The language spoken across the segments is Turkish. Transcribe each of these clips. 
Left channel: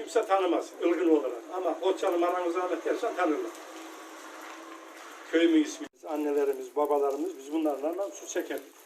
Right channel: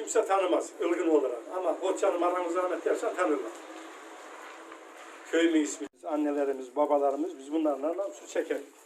kimse tanımaz ılgın olarak. Ama Hoçalı anamız Ahmet dersen tanırlar. Köyümün ismi. Annelerimiz, babalarımız biz bunlarla su çekerdik.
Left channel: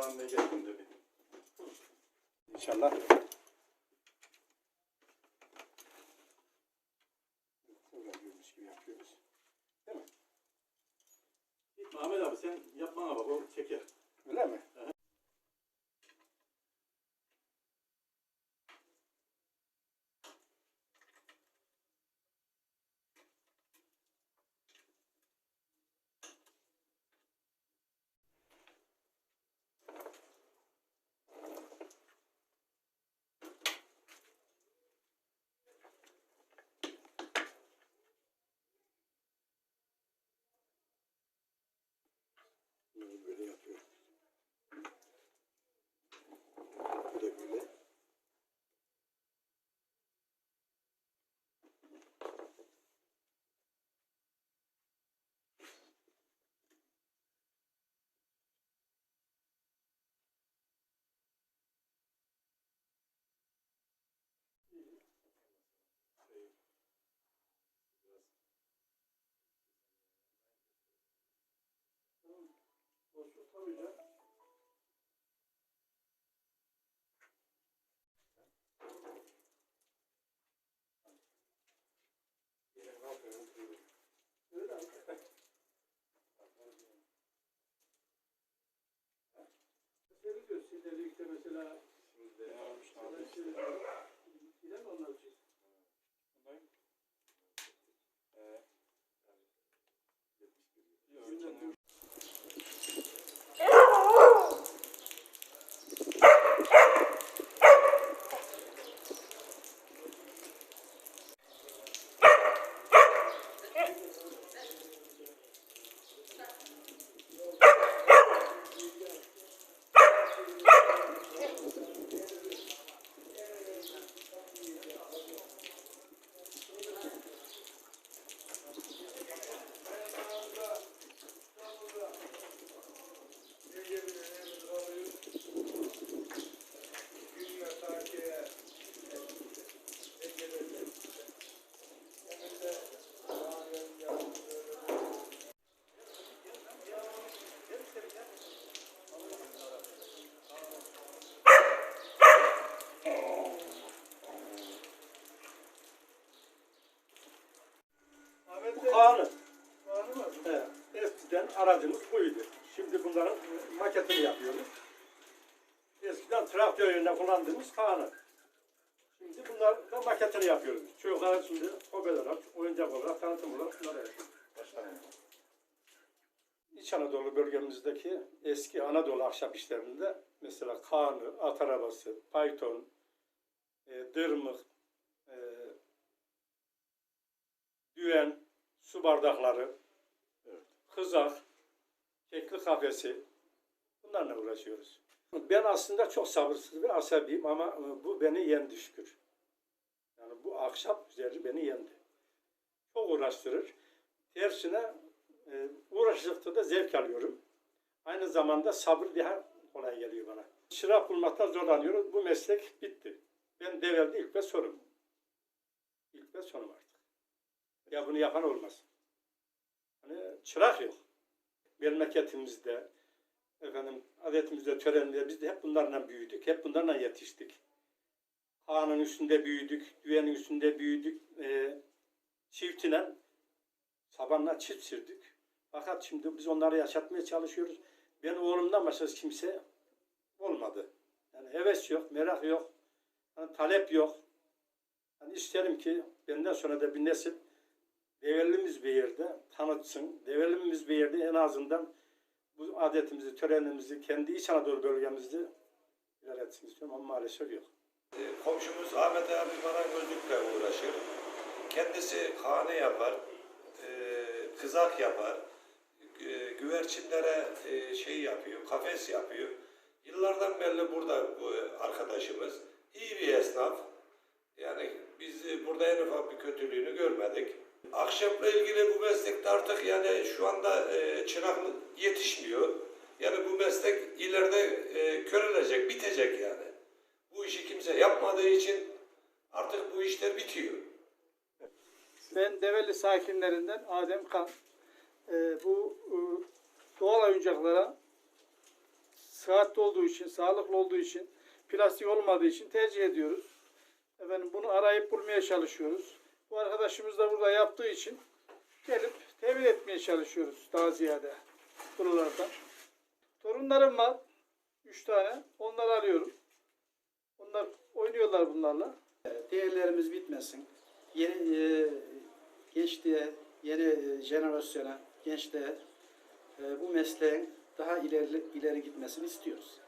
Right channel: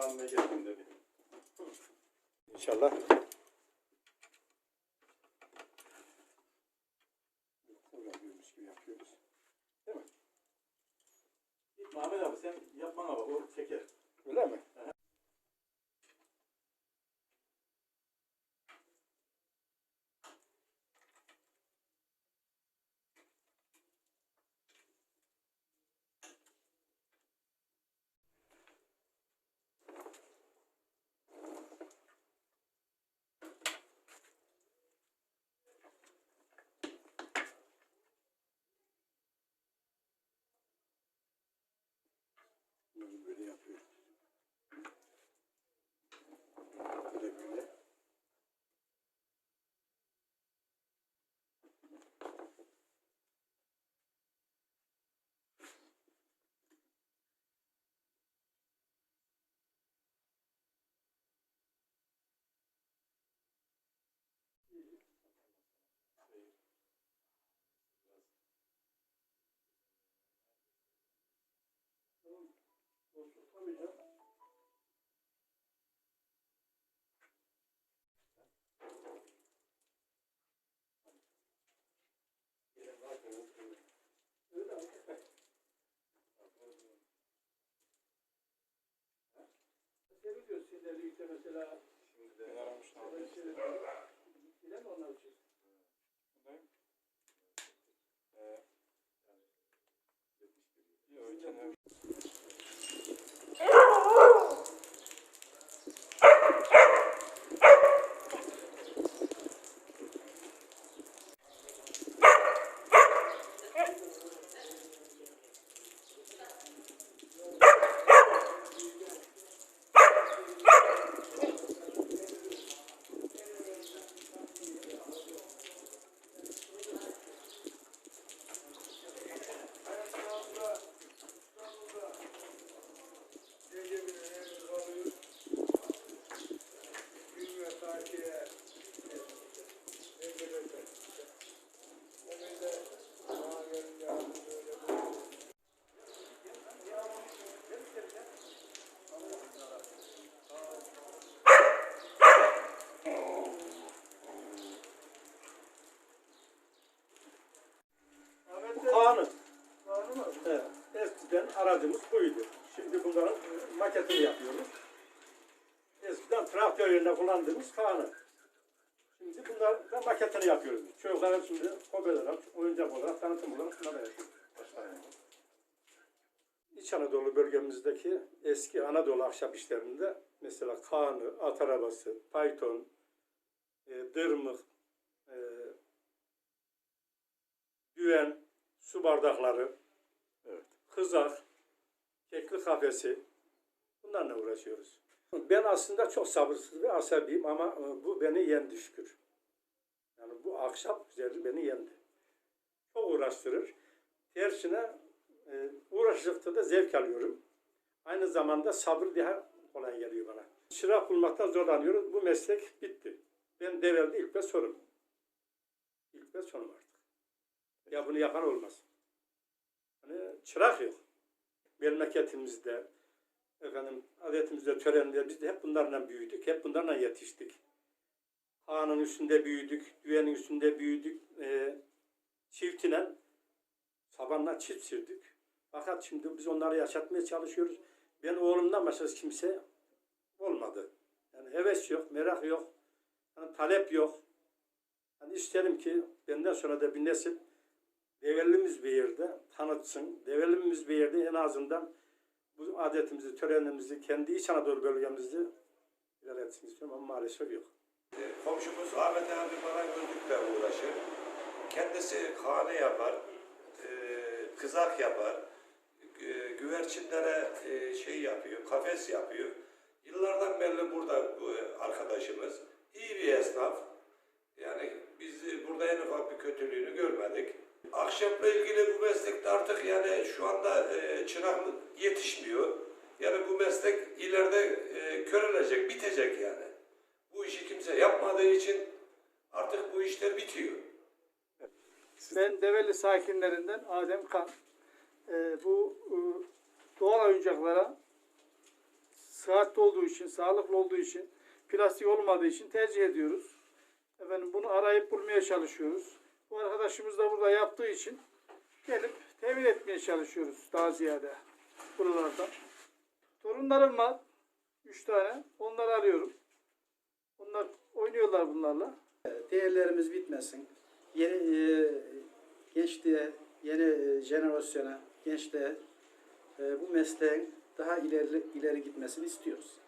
Getirdin dedi. İnşallah. Uğraşıyoruz gibi yapıyoruz. Ahmet abi sen yapmana bak o çeker. Öyle mi? Nobody up here. Canım. Seviyor sizleri işte mesela Şimdi ne yapmış abi? Yine mi onlar için? Ben Ee, Yok, içine- Bu Kaan'ı. Evet. Eskiden aracımız buydu. Şimdi bunların maketini yapıyoruz. Eskiden traktör yerine kullandığımız Kaan'ı. Şimdi bunlar da maketini yapıyoruz. Çocuklar şimdi hobi olarak, oyuncak olarak, tanıtım olarak bunları yapıyoruz. İç Anadolu bölgemizdeki eski Anadolu ahşap işlerinde mesela Kaan'ı, at arabası, payton, e, dırmık, e, düven, su bardakları, kızak, kekli kafesi bunlarla uğraşıyoruz. Ben aslında çok sabırsız ve asabiyim ama e, bu beni yendi şükür. Yani bu ahşap üzeri beni yendi. Çok uğraştırır. Tersine e, uğraştıkça da zevk alıyorum. Aynı zamanda sabır daha kolay geliyor bana. Çırak bulmaktan zorlanıyoruz. Bu meslek bitti. Ben develde ilk ve sonum. İlk ve sonum artık. Ya bunu yapan olmaz. Hani çırak yok. Memleketimizde, efendim adetimizde, törenimizde biz de hep bunlarla büyüdük. Hep bunlarla yetiştik. Ağanın üstünde büyüdük, düvenin üstünde büyüdük. E, çiftine sabanla çift sürdük. Fakat şimdi biz onları yaşatmaya çalışıyoruz. Ben oğlumdan başka kimse olmadı. Yani heves yok, merak yok, yani talep yok. Yani isterim ki benden sonra da bir nesil Develimiz bir yerde tanıtsın. Develimiz bir yerde en azından bu adetimizi, törenimizi, kendi İç Anadolu bölgemizde ilerletsin istiyorum ama maalesef yok. E, Komşumuz Ahmet abi marangozlukla uğraşır. Kendisi hane yapar, e, kızak yapar, e, güvercinlere e, şey yapıyor, kafes yapıyor. Yıllardan beri burada bu arkadaşımız. iyi bir esnaf. Yani biz burada en ufak bir kötülüğünü görmedik. Ahşapla ilgili bu meslekte artık yani şu anda e, çıraklık yetişmiyor. Yani bu meslek ileride e, körelecek, bitecek yani. Bu işi kimse yapmadığı için artık bu işler bitiyor. Ben Develi sakinlerinden Adem Kan. Ee, bu e, doğal oyuncaklara sıhhatli olduğu için, sağlıklı olduğu için, plastik olmadığı için tercih ediyoruz. Efendim bunu arayıp bulmaya çalışıyoruz. Bu arkadaşımız da burada yaptığı için gelip temin etmeye çalışıyoruz daha ziyade buralardan. Torunlarım var. Üç tane. Onları arıyorum. Onlar oynuyorlar bunlarla. değerlerimiz bitmesin. Yeni e, gençliğe, yeni e, jenerasyona, gençliğe e, bu mesleğin daha ileri ileri gitmesini istiyoruz.